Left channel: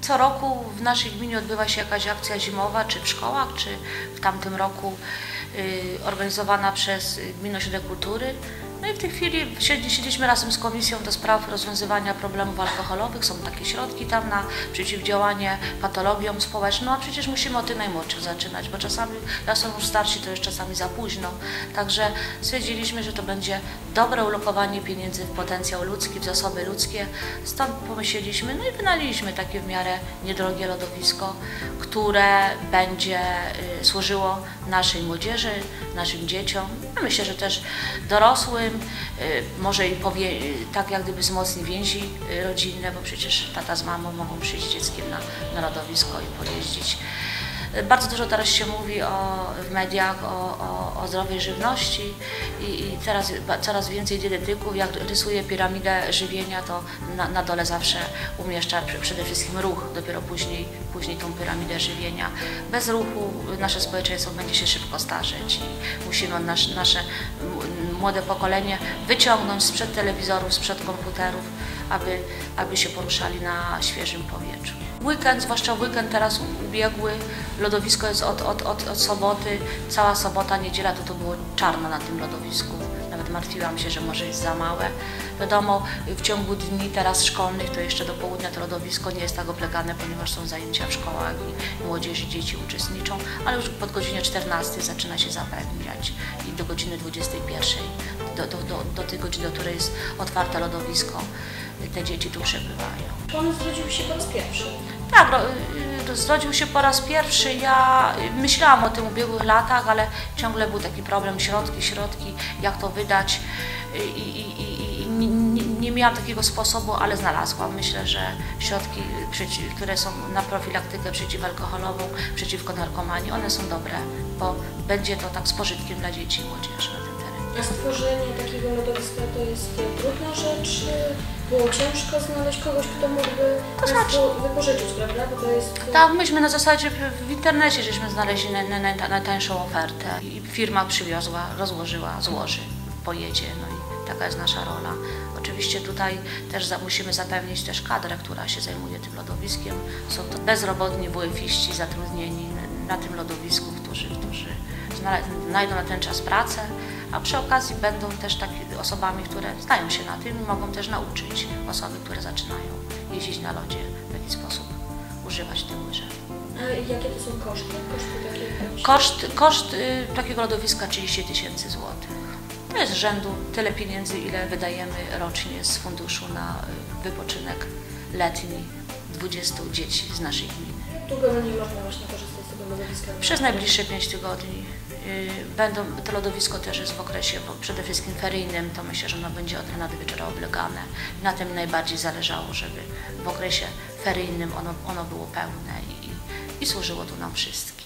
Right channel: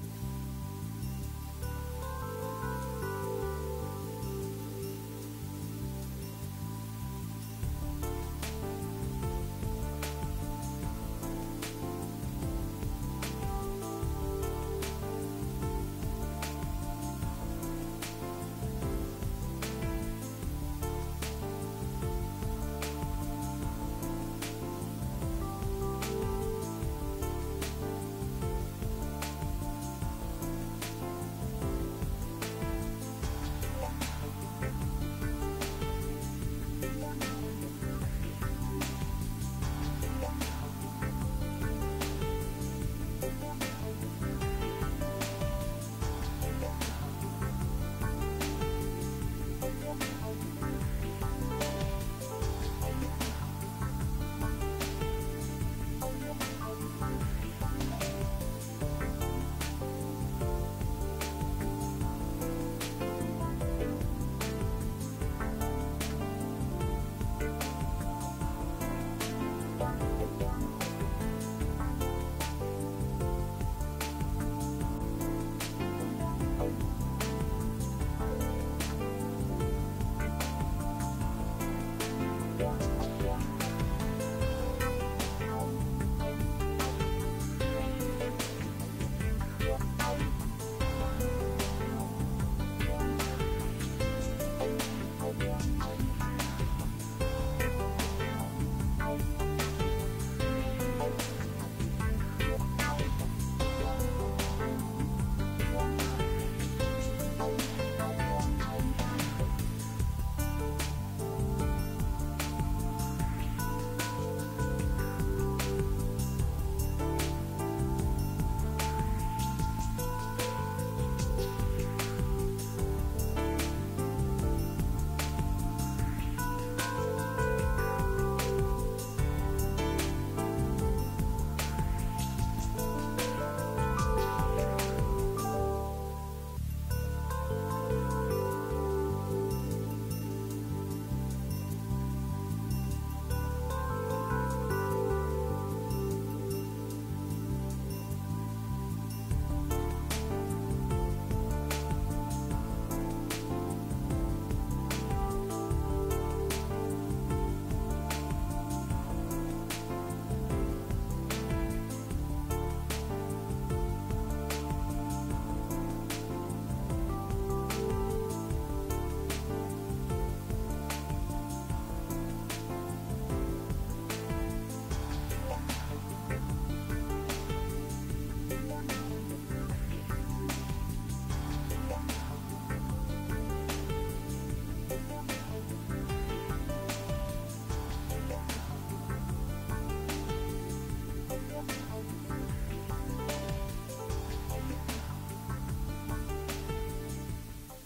Co roku w naszej gminie odbywa się jakaś akcja zimowa, czy w szkołach, czy w tamtym roku organizowana przez Gminny Ośrodek Kultury. No i w tej chwili siedzieliśmy razem z Komisją do spraw rozwiązywania problemów alkoholowych. Są takie środki tam na przeciwdziałanie patologiom społecznym, a przecież musimy od tych najmłodszych zaczynać, bo czasami jak są już starsi, to już czasami za późno. Także stwierdziliśmy, że to będzie dobre ulokowanie pieniędzy w potencjał ludzki, w zasoby ludzkie. Stąd pomyśleliśmy, no i wynaleźliśmy takie w miarę niedrogie lodowisko, które będzie y, służyło naszej młodzieży, naszym dzieciom, myślę, że też dorosłym, y, może i powie, y, tak jak gdyby wzmocni więzi y, rodzinne, bo przecież tata z mamą mogą przyjść z dzieckiem na, na lodowisko i pojeździć. Bardzo dużo teraz się mówi o, w mediach o, o, o zdrowej żywności i, i teraz coraz więcej dietetyków, jak rysuje piramidę żywienia, to na, na dole zawsze umieszcza przede wszystkim ruch, dopiero później, później tą piramidę żywienia. Bez ruchu nasze społeczeństwo będzie się szybko starzeć i musimy nasz, nasze młode pokolenie wyciągnąć sprzed telewizorów, sprzed komputerów, aby, aby się poruszali na świeżym powietrzu. Weekend, zwłaszcza weekend teraz ubiegły, lodowisko jest od, od, od, od soboty, cała sobota, niedziela to to było czarno na tym lodowisku. Nawet martwiłam się, że może jest za małe. Wiadomo, w ciągu dni teraz szkolnych, to jeszcze do południa to lodowisko nie jest tak oblegane, ponieważ są zajęcia w szkołach i młodzież i dzieci uczestniczą, ale już pod godzinie 14 zaczyna się zapewniać i do godziny 21, do, do, do, do tej godziny, do której jest otwarte lodowisko, te dzieci tu przebywają. On zrodził się po raz pierwszy. Tak, ro, y, zrodził się po raz pierwszy. Ja y, myślałam o tym w ubiegłych latach, ale ciągle był taki problem, środki, środki, jak to wydać. Y, i, i, i nie, nie, nie miałam takiego sposobu, ale znalazłam. Myślę, że środki, które są na profilaktykę przeciwalkoholową, przeciwko narkomanii, one są dobre, bo będzie to tak z pożytkiem dla dzieci i młodzieży na tym terenie. A stworzenie takiego lodowiska to jest trudna rzecz? Było ciężko znaleźć kogoś, kto mógłby To znaczy- wypożyczyć, prawda? Bo to jest... Tak, myśmy na zasadzie w, internecie żeśmy znaleźli naj, naj, naj, najtańszą ofertę i firma przywiozła, rozłożyła, złoży, pojedzie, no taka jest nasza rola. Oczywiście tutaj też musimy zapewnić też kadrę, która się zajmuje tym lodowiskiem. Są to bezrobotni WF-iści zatrudnieni na tym lodowisku, którzy, którzy znajdą na ten czas pracę, a przy okazji będą też takimi osobami, które znają się na tym i mogą też nauczyć osoby, które zaczynają jeździć na lodzie, w jaki sposób używać tych łyżek. A jakie to są koszty? Koszty takie... Koszt, koszt y, takiego lodowiska 30 tysięcy. To jest z rzędu tyle pieniędzy, ile wydajemy rocznie z funduszu na wypoczynek letni 20 dzieci z naszej gminy. Długo nie można właśnie korzystać z tego lodowiska? Przez najbliższe 5 tygodni y, będą, to lodowisko też jest w okresie bo przede wszystkim feryjnym, to myślę, że ono będzie od rana do wieczora oblegane. Na tym najbardziej zależało, żeby w okresie feryjnym ono, ono było pełne i, i służyło tu nam wszystkim.